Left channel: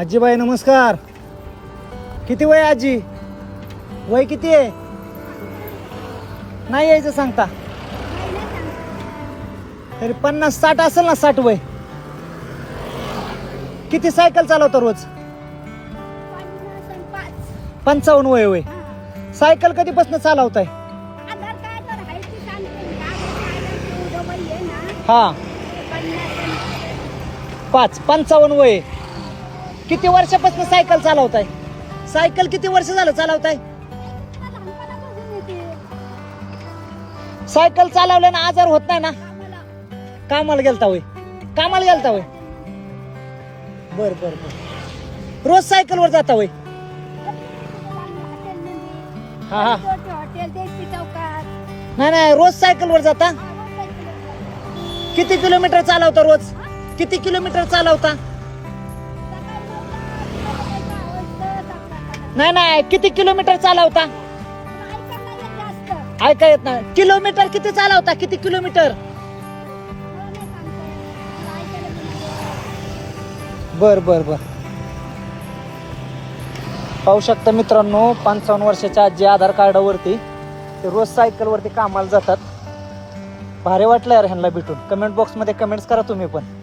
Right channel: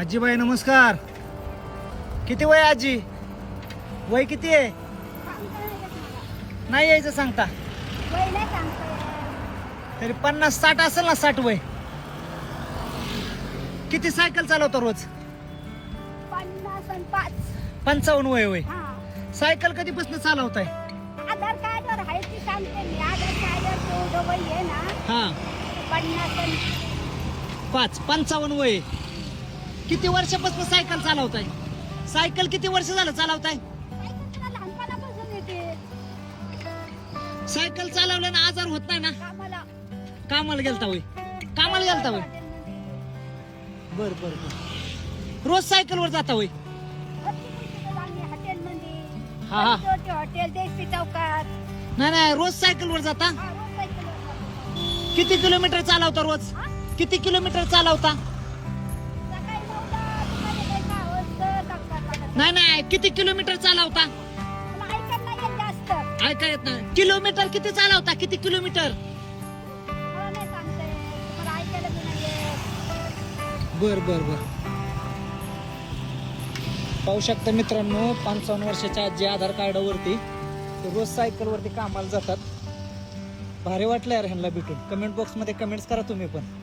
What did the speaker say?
आजीबाई नमस्कार. किती वय आजी? वय किती आहे? नाही यायचं सांगता. तरी पन्नास साठ असेल ना साठ वय? किती सायकल चालवतो रोज? पंचावन्न वय वय. सायकल कधीपासून चालवताय? हा. पाच पंचावन्न वय. किती वर्षापासून सायकल चालवताय? सायकल किती वर्ष झालं चालवताय? सायकल चालवल्यानं आजार होत नाही ना? कामाला गेलता होय. कामाला गेलता होय. बर बर बर. रोज सायकल वर जाता होय. हा हा. नाही नाही रोज सायकल वर जाता? किती किलोमीटर चालवता रोज? किती किलोमीटर चालवता? नाही नाही किती किलोमीटर चालवता? ऐका येत नाही. किलोमीटर किती चालवता? किती किलोमीटर? बर बर बर. पाहू शकता मित्रांनो पंचावन्न वर्षाच्या आजी आधार कार्डावरती ते रोज सायकल वरती कामाला जातात. भारी वाटलं यार ह्यांना भेटून. कमेंट बॉक्समध्ये कमेंट्स करा तुम्ही पण.